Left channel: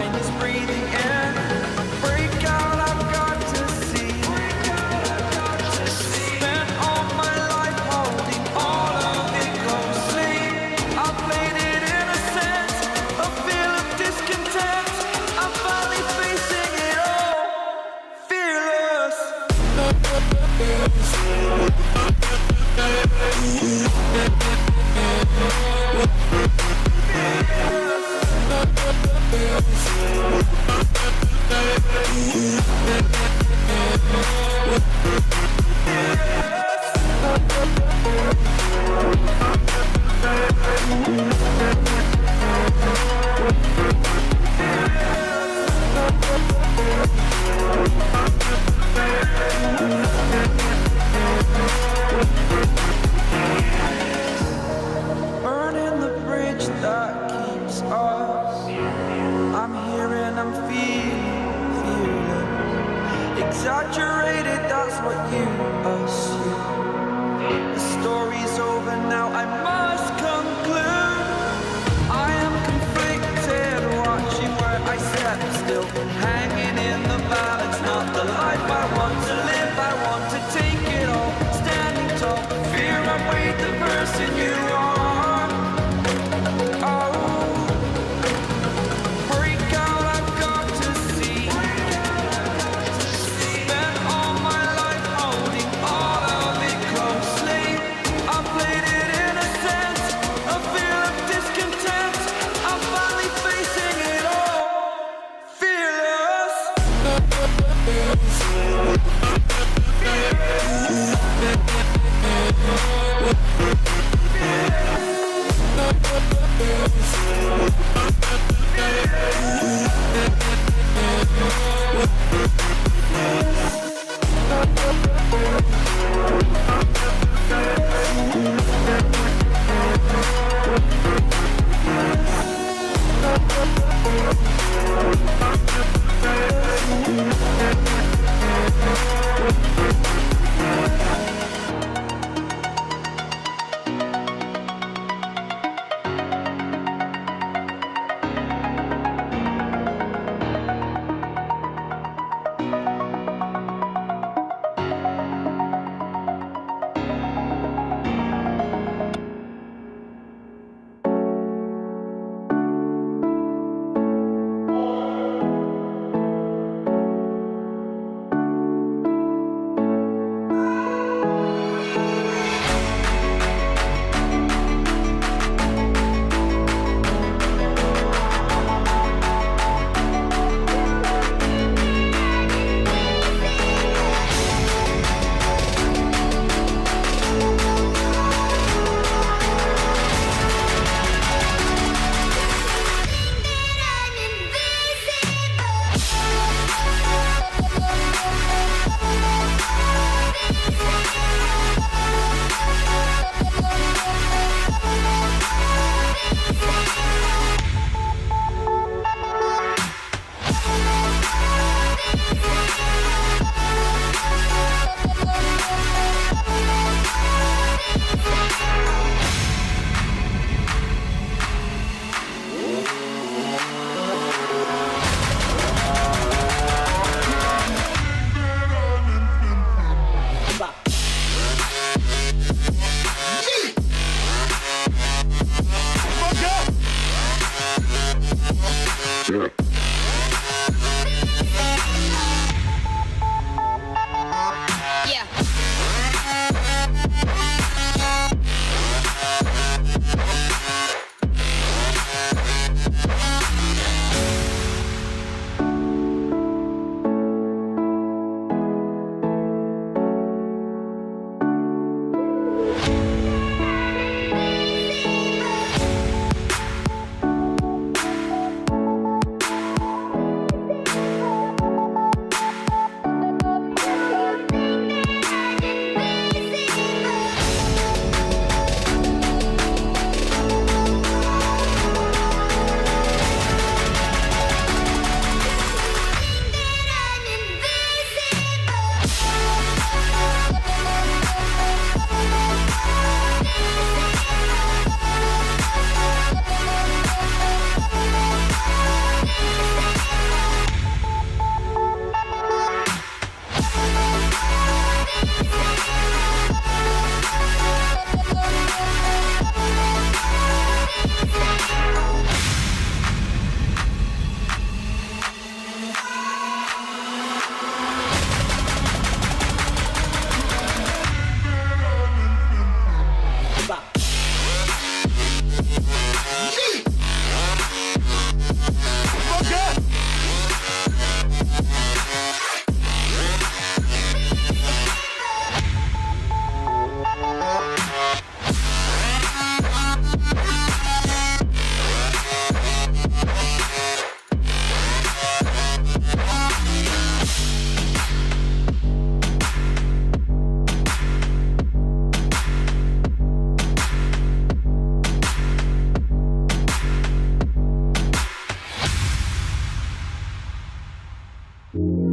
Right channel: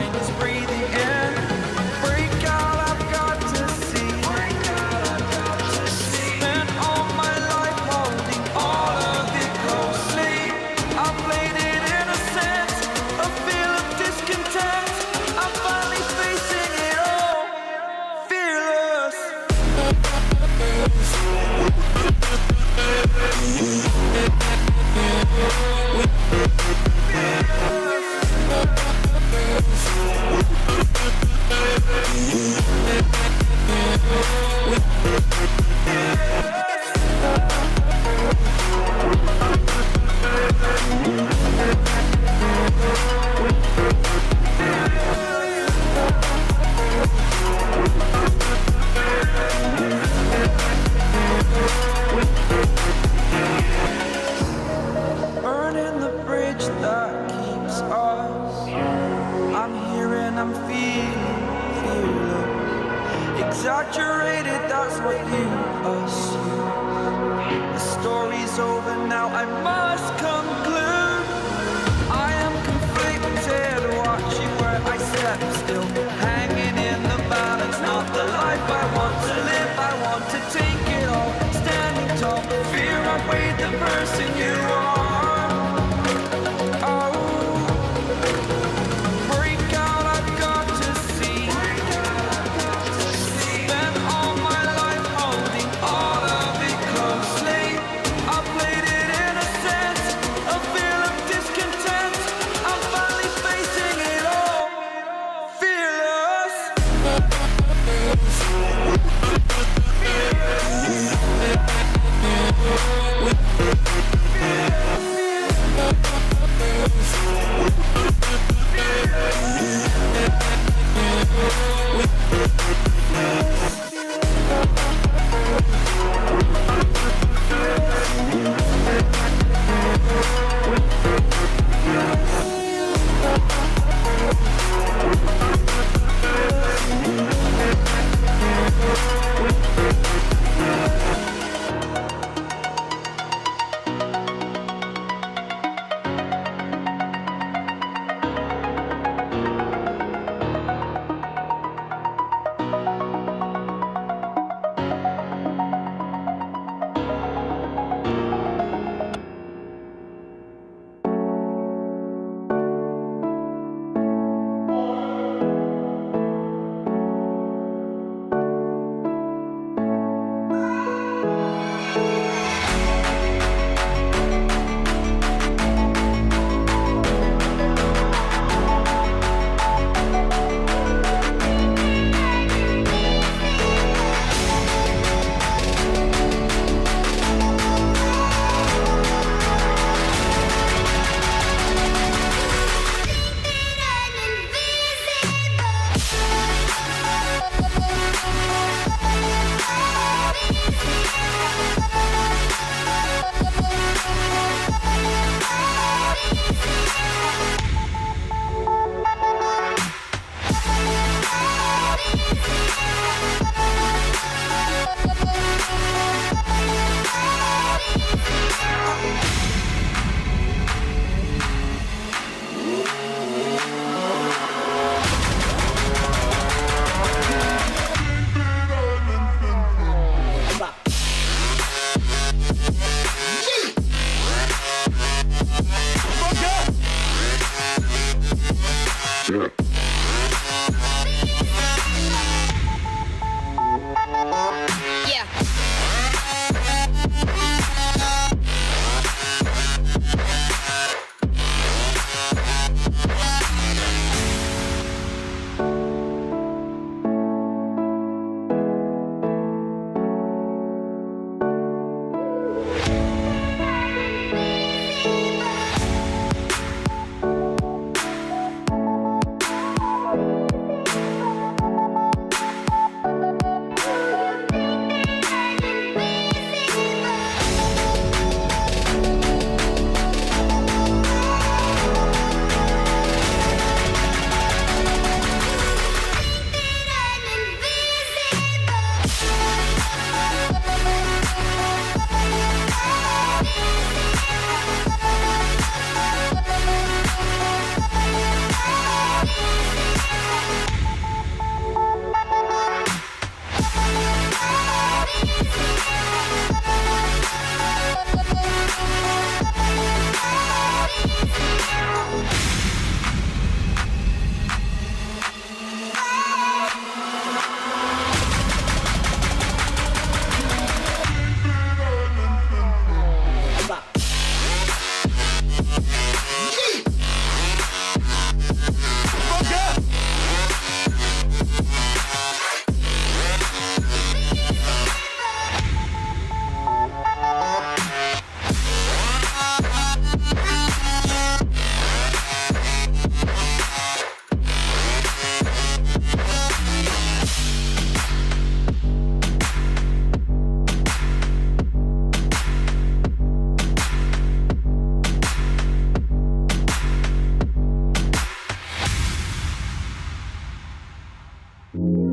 mind is breathing in. Break out, I've got to see. Spent all my life holding all of it closely. I played it innocent, a feel of discontent. I'm finally facing it all, fearless. Burning the bridge that keeps us. I'm here and I'm feeling fearless. Exaggerated, that's what you assume. The story's over now, I must conclude. I am conflicted, watching where I step still, hanging in the balance. Not the life I want to live, I want to take it all. Standing tall, fear I weighed the person you are. Fearless. you.